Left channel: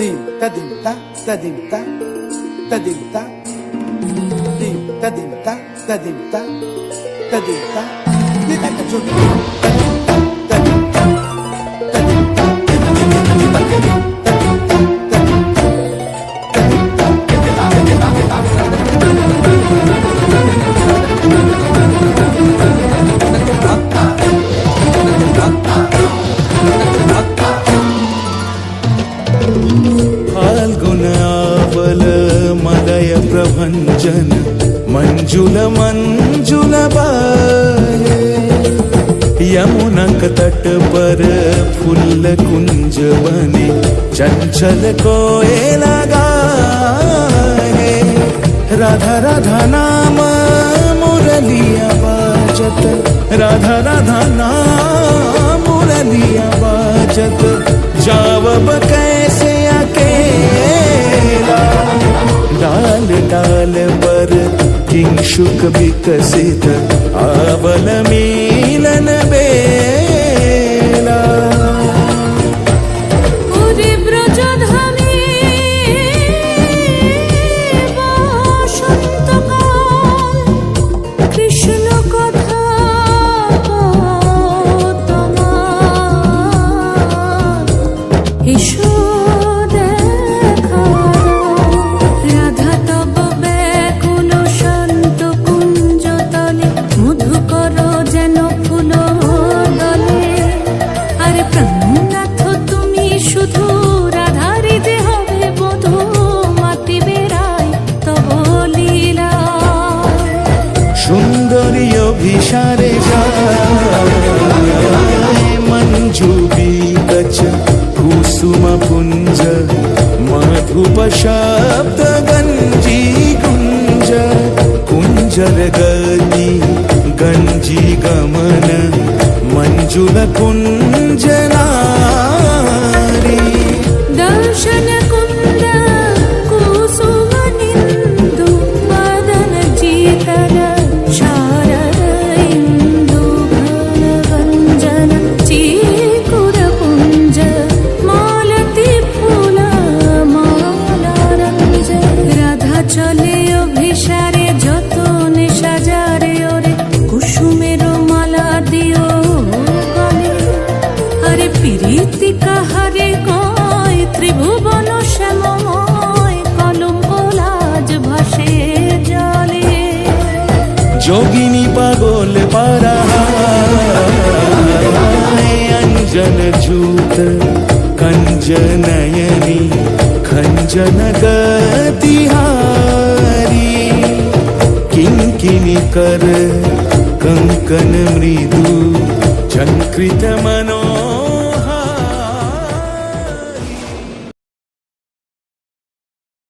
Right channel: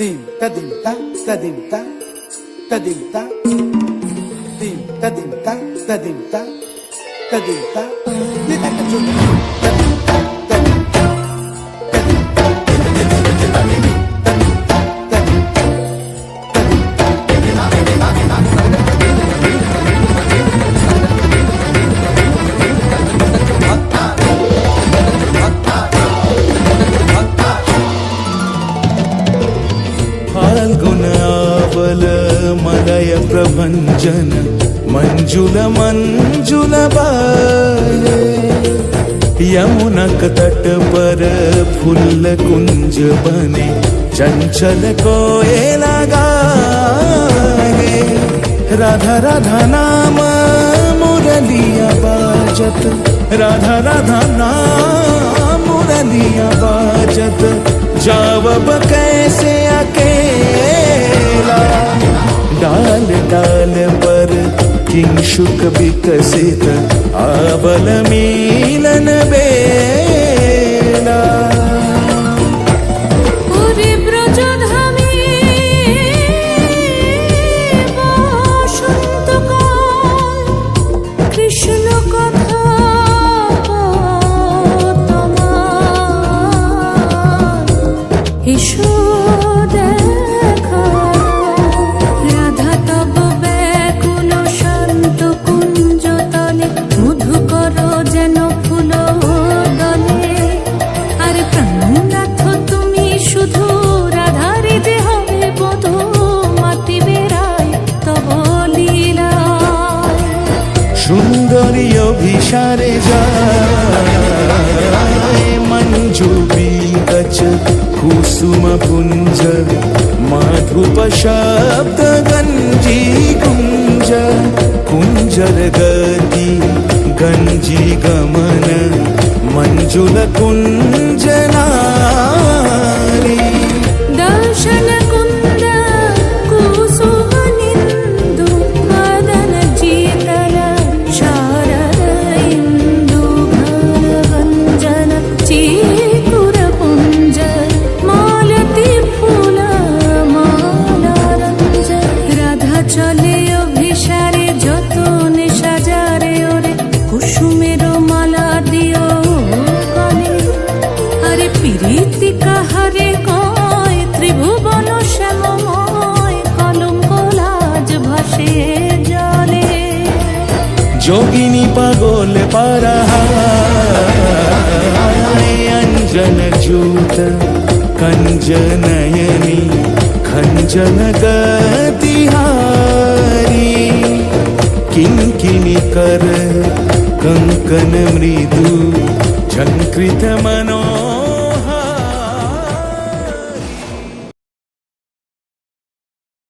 Dim ta dim ta ta dim ta ta dim ta dim ta dim ta ta dim ta ta dim ta ni ta ka chun ta dim ta ta dim ta ta dim ta ta dim ta ta dim ta ta dim ta ta dim ta फाल्गुनावल मलय प्रभंजन मंजुल मंजुल बाहे यमुनक तट पर फूल कुंज बने चंचल कोयला गाहे राधा राधा नाम मुरलिया बाजत राधा राधा नाम मुरलिया बाजत जावब कैसे अकेला डाल डाल पर किंशुक विकसित आवल मिलन बेला ওরে ব্রজধামে বসন্তকাল কৃষ্ণ কথা তোমার এসো দেখা দাও রাধা তব ব্যাকুল শান্ত কুঞ্জ তলে মধুকর যেন ফুল দলে আরে প্রাণনাথ তুমি শুধু রাধারে যে হবে বধূ মাতি বেড়াই তব লীলা সুন্দরী অভিসারে যায় মঞ্জু বিকচ কুসুম পুঞ্জ মাধুপ শব্দ গঞ্জি কুঞ্জ কুঞ্জর গতি গঞ্জি গমন মঞ্জুল কুঞ্জ নারী দর্শন কুন্দ কুসুম নিন্দু বদন জিতল শারদ ইন্দু ঘন গঞ্জন চিকুর পুঞ্জ মালতি ফুল মালারঞ্জ রাধা চলে অভিসারে যতনে সাজারে ওরে কুসুমের মালা দিও গলে আরে প্রীতি কাহারে কয় ত্রিভুবন শ্যামময় কলঙ্ক লাজ ভাসে জলে যোগিনী পাগল পারাহায় অঞ্জন জূত कंजनयनी खंजन गतिहारी किंकिनी कर कंकन मृदु झंकृत मनो